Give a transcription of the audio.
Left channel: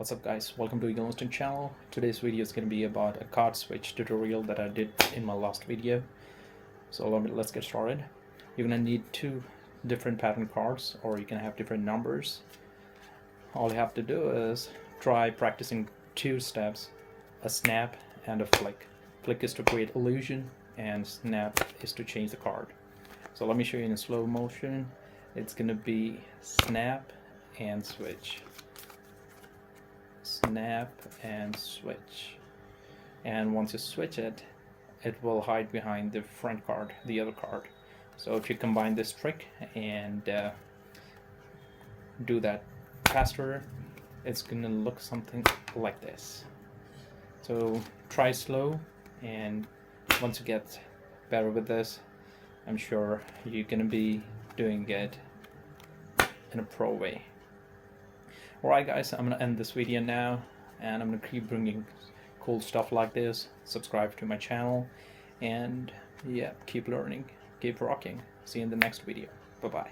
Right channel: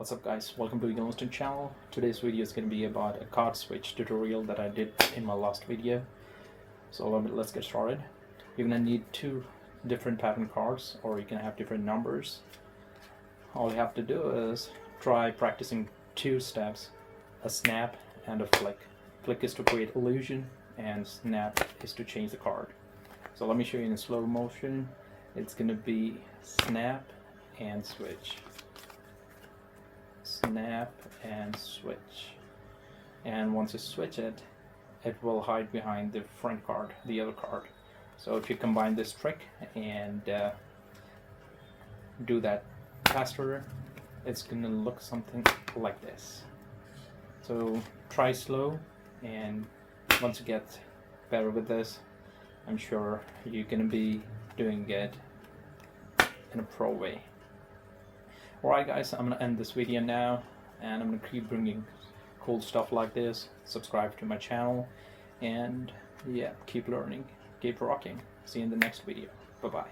What's up guys, welcome to Yellowstone channel. Today's video is going to be about a card switch tutorial that I did in my last video. So let's get started. You're going to need two different pattern cards, or you can have different numbers. All you have to do is try practicing two steps, a snap and a flick. Flick is to create illusion and snap is to change the card. So let me show you in slow motion. It's going to be snap and switch. Snap and switch, and once you switch it, it will hide behind the front card, the other card. So if you combine this trick and do that faster, it's gonna look something like this. So try slow, and once you get better with this, I'm sure you're gonna be doing it in a pro way. Alright guys, I'm gonna end this video now, and I'm gonna keep bringing cool stuff like this. Subscribe to my channel, and yeah, keep learning, keep rocking. See you in the next video. Bye bye.